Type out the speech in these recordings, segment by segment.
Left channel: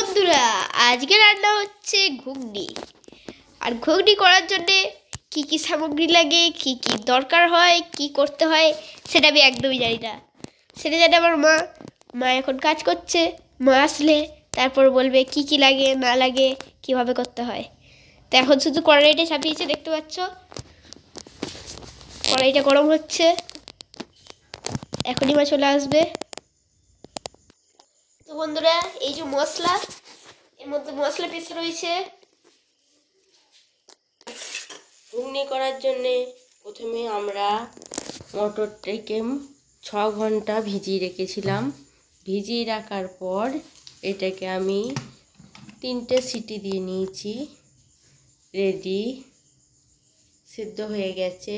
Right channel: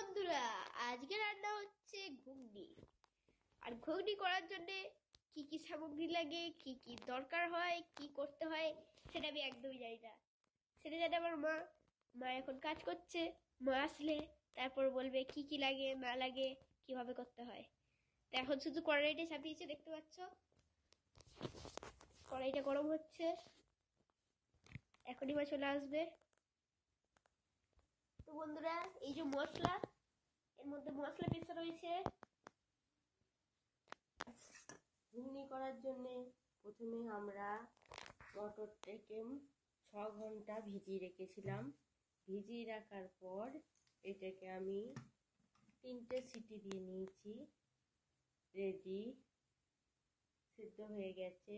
বন্ধুরা, আজকে রান্না হচ্ছে ঘুগনি। আর ঘুগনি করার জন্যে কি কি সামগ্রী লাগে, কি কি দরকার হয়, কি করতে হয় সেটা আমি একদমই জানি না। সেটা জানে আমার মা এখন কাজ করছে। মা আসলে তারপর বলবে কি কি লাগে না লাগে, কিভাবে করতে হয়। তো এখন শুধু কড়াইটা চাপিয়েছে, দেখতে পাচ্ছ কড়াইটা গরম হচ্ছে, এখনই মা চলে আসবে। তো বন্ধুরা, এই যে মশলা, এর মধ্যে মশলা পিসে রয়েছে। ঘুগনি করার জন্যে প্রথমে আমরা মটরটাকে 6 ঘন্টা ভিজিয়ে রেখেছিলাম। ভিজিয়ে রাখার পর এটাকে আমি 3টে সিটি দিয়ে নিয়েছি। রেডি, সিদ্ধ হয়ে গেছে।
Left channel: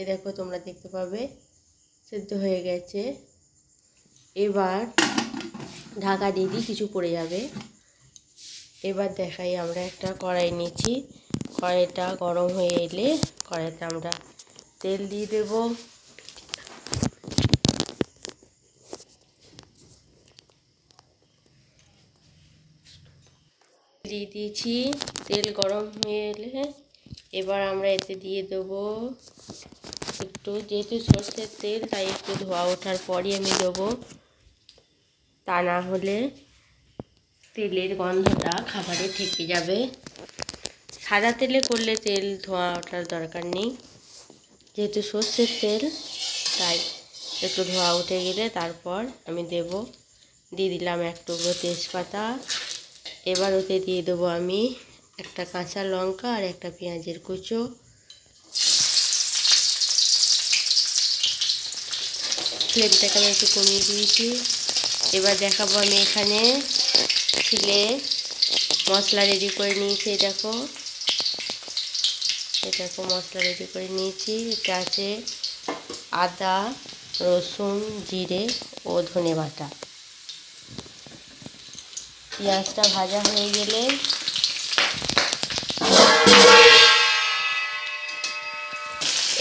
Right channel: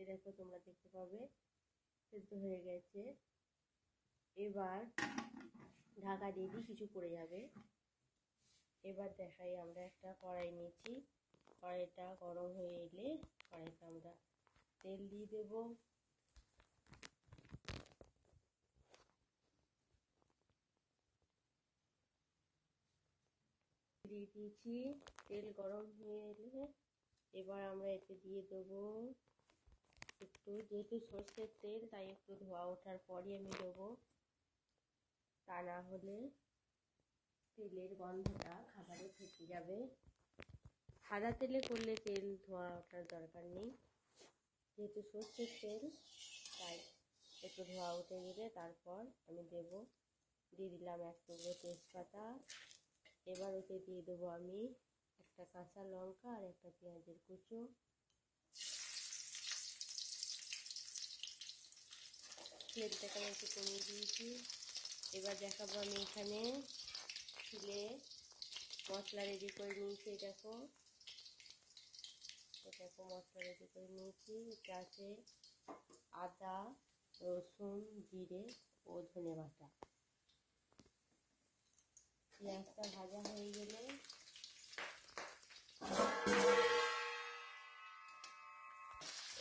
এ দেখো, তোমরা দেখতে পাবে সিদ্ধ হয়ে গেছে। এবার ঢাকা দিয়ে দিই, কিছু পড়ে যাবে। এবার দেখাই, আমরা একটা কড়াই নিয়েছি। কড়াইটা গরম হয়ে এলে কড়াইতে আমরা তেল দিয়ে দেব। দিয়ে দিয়েছি, তেল গরম হয়ে এলে এবার আমরা এতে দিয়ে দেবো একটু, যেহেতু সর্ষের তেল তাই একটু ধোয়া ওঠার পরই আমি দেবো, তা না হলে তেলের গন্ধটা খাবারে থেকে যাবে। সাদা তেলে করলে তেল ধোয়া ওঠার দরকার নেই, যেহেতু সর্ষের তেল তাই একটু ধোয়া উঠে গেলে তারপর আমি দিয়ে দিলাম এক টুকরো তেজপাতা। এবার ওতে দিয়ে দেবো আমি একটা কাঁচা লঙ্কা আর একটা পেঁয়াজের কুচো। ফ্লেমটাকে আমি একটু কমিয়ে দিয়েছি। এবার দেখাবো আমি এখানে ছিলে মশলা রেডি করে নিয়েছি। দেখো মশলা রেডি করে নিয়েছি। এটা আছে আদা, রসুন, জিরে ও ধনে বাটা। পেঁয়াজটা ভাজা হয়ে গেলে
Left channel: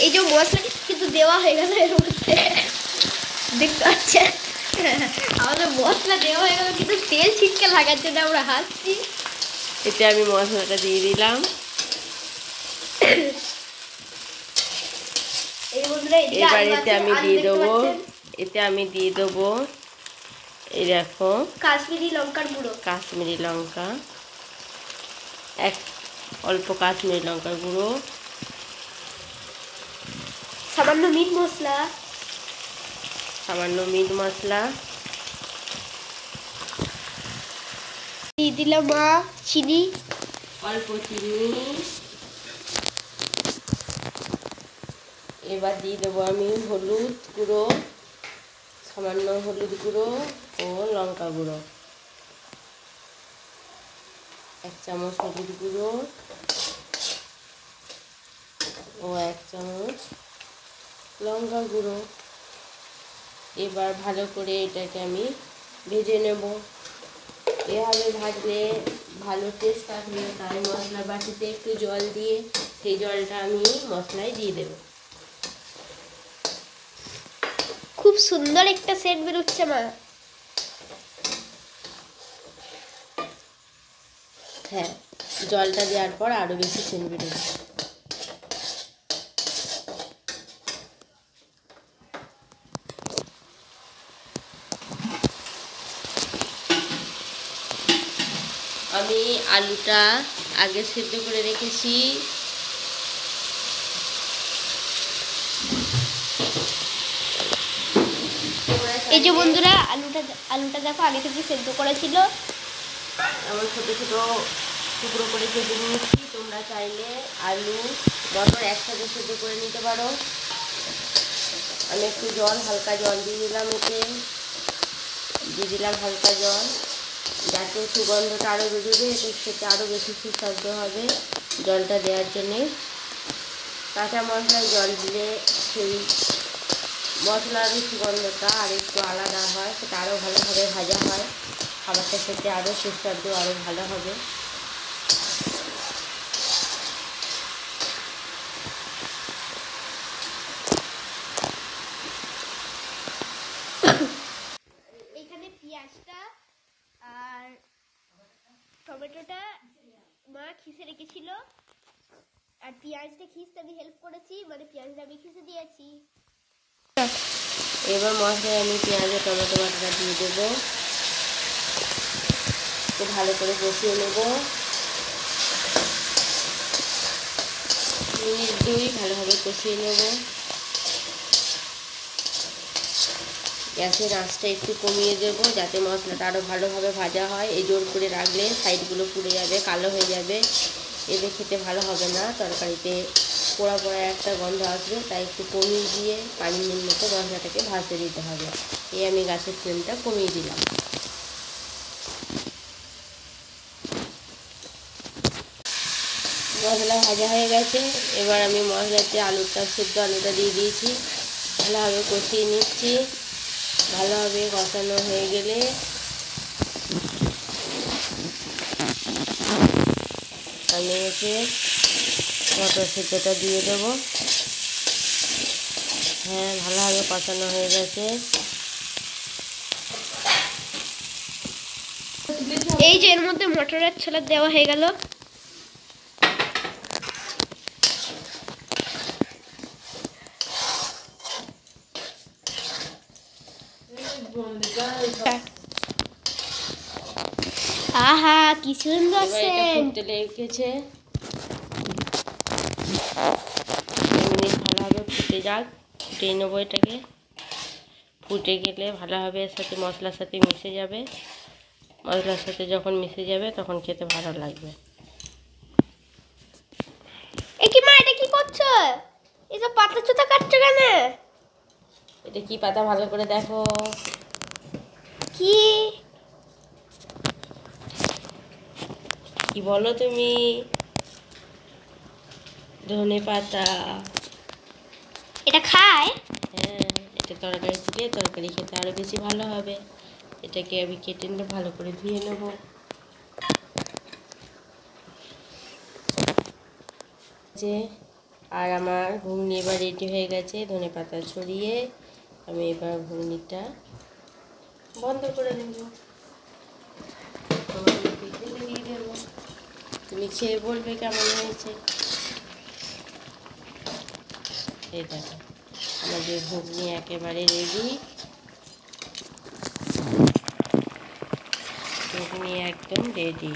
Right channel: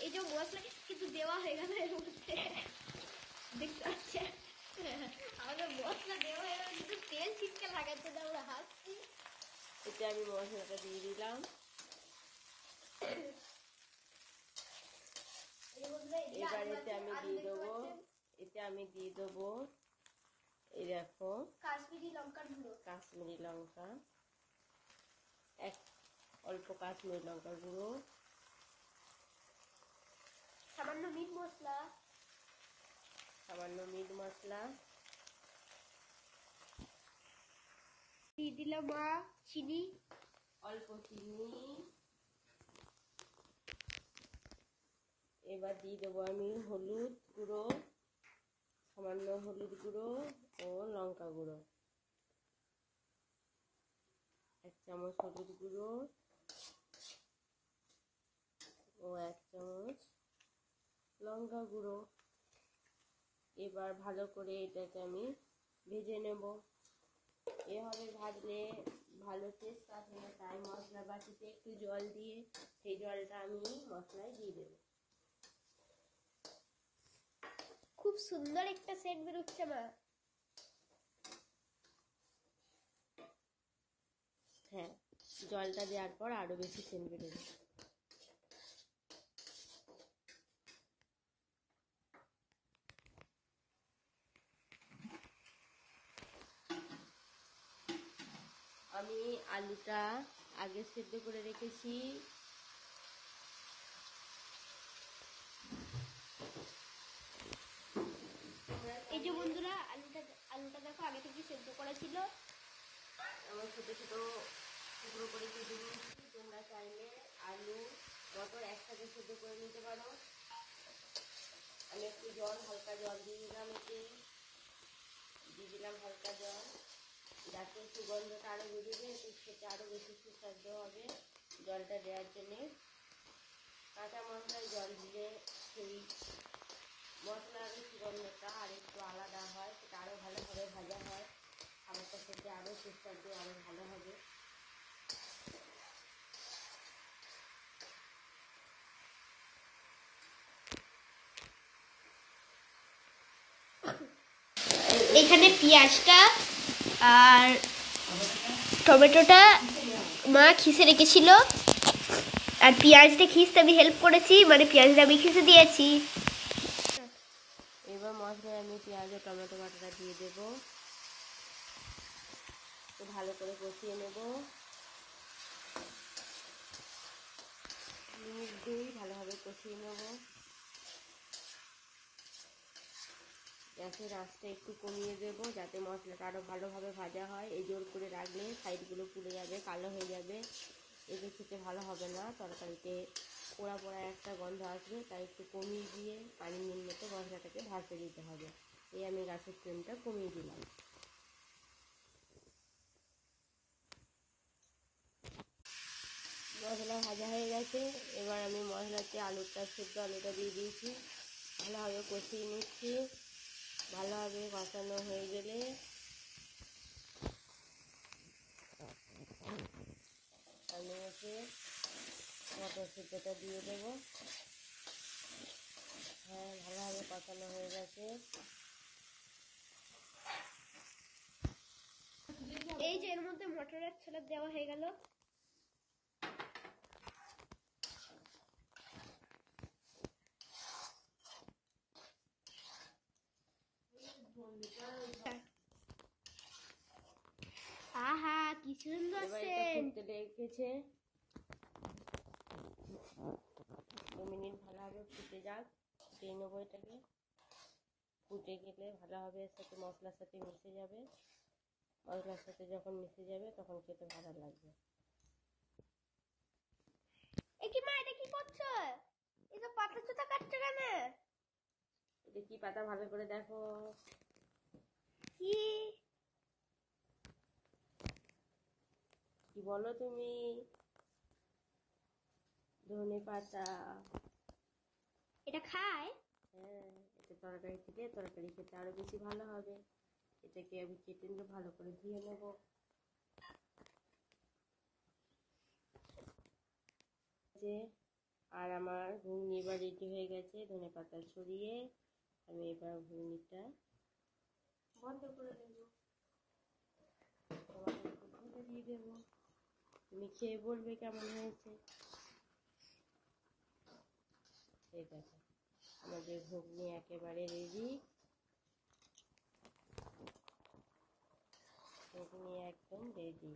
এই যে মশলা কিন্তু দেওয়া হয়ে গেল এর মধ্যে, দেখতে পাচ্ছেন আমাদের মশলা দেওয়া হয়ে গেল, কিন্তু তেল ছিটকে লাগার জন্য আমরা হাসছি। এতে আমি মশলাটা দিয়ে দিলাম। এবার এতে আমি দিয়ে দেবো এই দেখো কাশ্মীরি লঙ্কার গুঁড়ো, কাশ্মীরি লঙ্কা, অল্প কাশ্মীরি লঙ্কার গুঁড়ো, সামান্য মিট মশলা দিয়ে দিলাম, চিনি, অল্প চিনি। এবার দিয়ে দেবো আমি হলুদ গুঁড়ো, সামান্য হলুদ গুঁড়ো ও লঙ্কা গুঁড়ো, 1 চামচ হলুদ গুঁড়ো ও 1 চামচ লঙ্কা গুঁড়ো। এবার ভালো করে এটাকে আমি ভেজে নেব। এভাবে ভাজলে ভালো টেস্ট আসবে, তাই মশলা বাটিতে একটু জল দিয়ে সেই জলটা আমি মশলায় দিয়ে দেব। খুব সুন্দর একটা সেন্ট বেরোচ্ছে মা। হ্যাঁ, জলটা দেওয়ার পর আরও বেশি সেন্ট বেরোবে। আমি আলুটা আগে সেদ্ধ করে রেখেছি। এই যে বন্ধুরা, আলুটা দেখো আগে থেকে সেদ্ধ করেছিল। আমার ছোটো ছোটো টুকরো করে কেটে নিয়েছি। তোমরা চাইলে আলু মটর একসাথে সেদ্ধ করে নিতে পারো। আমি একটু হালকা জল দিয়ে দিলাম, হালকা জল, যাতে সুগন্ধটা আরও বেরোবে, এতে খেতে আরও বেশি সুস্বাদু হবে। জলটা দেওয়ার জন্যে কাঁচা মশলায় জল দিলে সেই মশলার সুগন্ধটা আর একটু আলাদা হয়, সেটা আরও ভালোভাবে ভাজা হয়, খাবারটা খেতে আরও সুস্বাদু, আরও ভালো হবে। এখানে পেঁয়াজটা আর টমেটোটা মা খিসে রেখেছিল, আর পেঁয়াজটা খিসতে আমি হেল্প করেছি, মানে পেঁয়াজটা আমি খিসে দিয়েছি। এবার মশলায় আমি পেঁয়াজ আর টমেটো বাটাটা দিয়ে দেবো, একটু ভালো করে কষিয়ে নেব। মিনিট 2 ভালোভাবে কষিয়ে নেব। গ্যাসের আঁচটা একটু কমিয়ে দেবো যাতে মশলাটা আরও ভালোভাবে ভাজা হয়। এই জোর করে রাখলে সাইডগুলো পুড়ে যাবে, কালো হয়ে যাবে, এতে খেতে ভালো হবে না। তরকারিতে পোড়া পোড়া একটা গন্ধ আসবে, তাই একটু কমিয়ে দিয়ে পানির মতো মশলাটাকে ভাজতে দিতে হবে। এই আমি গ্যাসের ফ্লেমটা কমিয়ে দিলাম। মশলা ভাজা হয়ে গেছে, এবার আমি মশলাতে সেদ্ধ আলুটা দিয়ে দিয়েছি, ভালোভাবে কষিয়ে নিচ্ছি। ভালোভাবে কষানো হয়ে গেলে আমি মটর সেদ্ধটা দিয়ে দেবো। হ্যাঁ, ভালোভাবে কষানো হয়ে গেছে। এই যে এর মধ্যে মটরের ছোলা দেওয়া হয়ে গেল। আহা কি সুন্দর সেন্ট। লেগেছে, ভালোভাবে ফুটে যাক, ফুটিয়ে নেবো এটাকে। ফুটে গেলে ভালোভাবে এর সাথে মশলার সাথে মিশে যাবে। মশলার সাথে যখন মিশে যাবে তখন খেতে ভালো লাগবে। এ কি মা, এটা কি করছো? এসব পাতা চোতা কাটছো কেন? এটা কি পাতা, ভালো করে দেখো। কি কি বলো তুমি? ধনে পাতা। এটা খায়? হ্যাঁ, এটা তরকারি দিলে তরকারি খেতে আরও বেশি ভালো হবে। এটাকে আমি কেটে নিয়ে ভালো করে ধুয়ে নেব। আর আমার ঘুগনি এবার রেডি হয়ে গেছে। ধনে পাতা ছড়িয়ে আমি এবার ঘুগনিটা বন্ধ করে দেব। দিয়ে দেবো, তুমি খেয়ে বলবে কেমন হয়েছে। এই দেখো, আমাদের ঘুগনি একেবারে রেডি। ঘুগনি একদম রেডি।